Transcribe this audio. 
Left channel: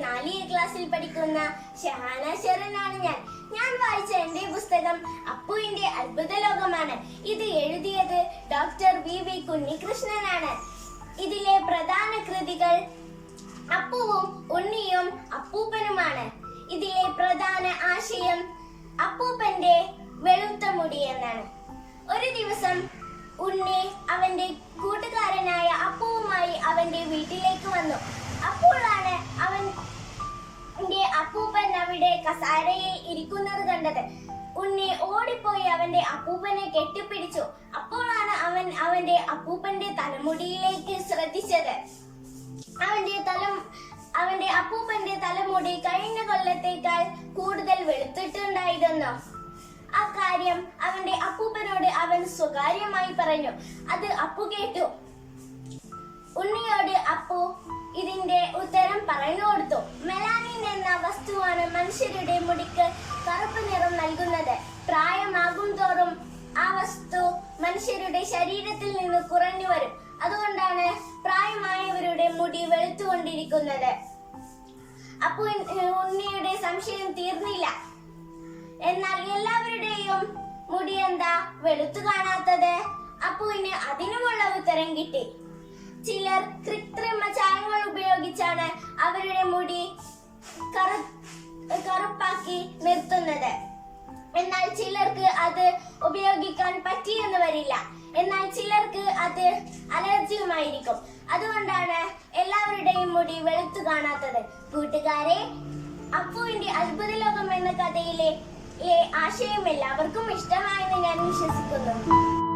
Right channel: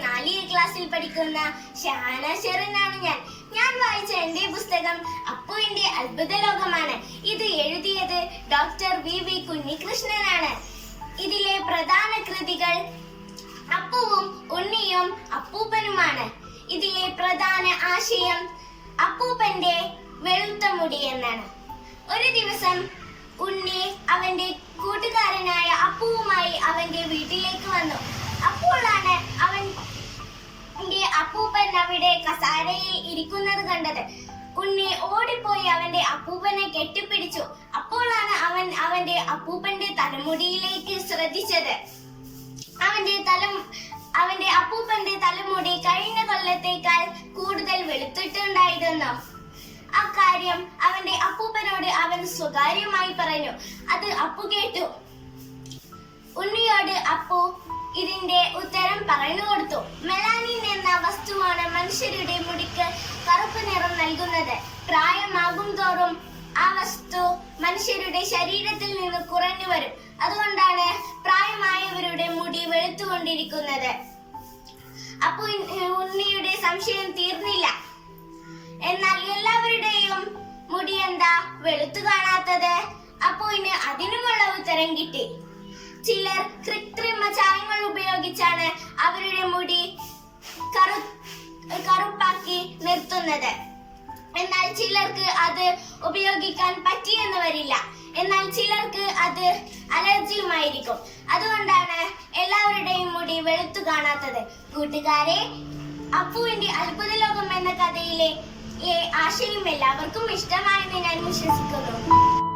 സ്കൂളിലെ ക്ലാസ്സിൽ പഠിക്കുന്ന ഷഹാന ഷെറിനാണ് ഞാൻ. ഞാൻ വായിച്ച എന്റെ പുസ്തകം അപ്പുവിന്റെ അത്ഭുത ലോകമാണ്. ഇത് എഴുതിയത് ഡോക്ടർ വി വി കുഞ്ഞികൃഷ്ണനാണ്. ഇതിലെ പ്രധാന കൃതികൾ അപ്പുവും ഉണ്ണിയും അപ്പൂപ്പനുമാണ്. ഇതിലെ പ്രധാന ആശയം അപ്പൂപ്പന്റെ വെളുത്ത മുടി എന്നാണ്. ഒരു ദിവസം ഉണ്ണി അവന്റെ കൂട്ടുകാരനായ അപ്പുവുമായി അവന്റെ വീട്ടിലേക്ക് വന്നു. അപ്പോഴാണ് അവൻ അവന്റെ അപ്പൂപ്പൻ അവിടെ കസാരയിൽ ഇരിക്കുന്നത് കണ്ടത്. ഉണ്ണി ഓടിപ്പോയി അവന്റെ അപ്പൂപ്പനെ കെട്ടിപ്പിടിച്ചു. അപ്പോഴാണ് അവൻ അവന്റെ അപ്പൂപ്പന്റെ തലമുടിയിലേക്ക് ശ്രദ്ധിച്ചത്. അവന്റെ തല അവന്റെ അപ്പൂപ്പന്റെ തലമുടി കഴിഞ്ഞ കൊല്ലത്തേക്കാൾ കൂടുതൽ വെളുത്തിട്ടുണ്ടായിരുന്നു. ആ കാര്യം അവന്റെ അപ്പൂപ്പനോട് അവൻ സ്വകാര്യമായി പറഞ്ഞു. അത് അപ്പു കേട്ടു. ഉണ്ണിയോട് അപ്പു ഇതിന്റെ ഉത്തരം പറഞ്ഞു കൊടുത്തു. എന്ന വസ്തുവാണ് മനുഷ്യരുടെ മുടിക്ക് കറുപ്പ് നിറം നൽകുന്നത്. പ്രായമാകും തോറും ആ വസ്തു മനുഷ്യരുടെ ശരീരത്തിൽ നിന്ന് കുറഞ്ഞു വരും. അതുകൊണ്ടാണ് പ്രായമായവരുടെ മുടി വെളുത്തുകൊണ്ടിരിക്കുന്നത്. അപ്പു ഉണ്ണിയുടെ സംശയം തീർന്നില്ല. എന്നാൽ എല്ലാവരുടെയും മുടി എന്താ വെളുത്തു കാണാത്തത്? അപ്പുവിന് അതിനുമുള്ള ഉത്തരം കിട്ടി. ചിലർ കൃത്രിമ ചായങ്ങൾ ഉപയോഗിച്ചാണ് അവരുടെ മുടി കറു കറുപ്പാക്കി നിർത്തുന്നത്. എന്നാൽ ചിലർക്ക് അത് ഉപയോഗിക്കാൻ പറ്റിയെന്ന് വരില്ല എന്നാൽ ചിലർക്ക് അത് അലർജിയുമായിരിക്കും. അതുകൊണ്ടാണ് എല്ലാവരുടെയും മുടി വെളുത്തു കാണാത്തത്. കൂട്ടുകാരെ അപ്പുവിന്റെ അത്ഭുത ലോകം എന്ന കഥയിലെ ആശയം എല്ലാവർക്കും ഇഷ്ടമായെന്ന് ഞാൻ വിശ്വസിക്കുന്നു.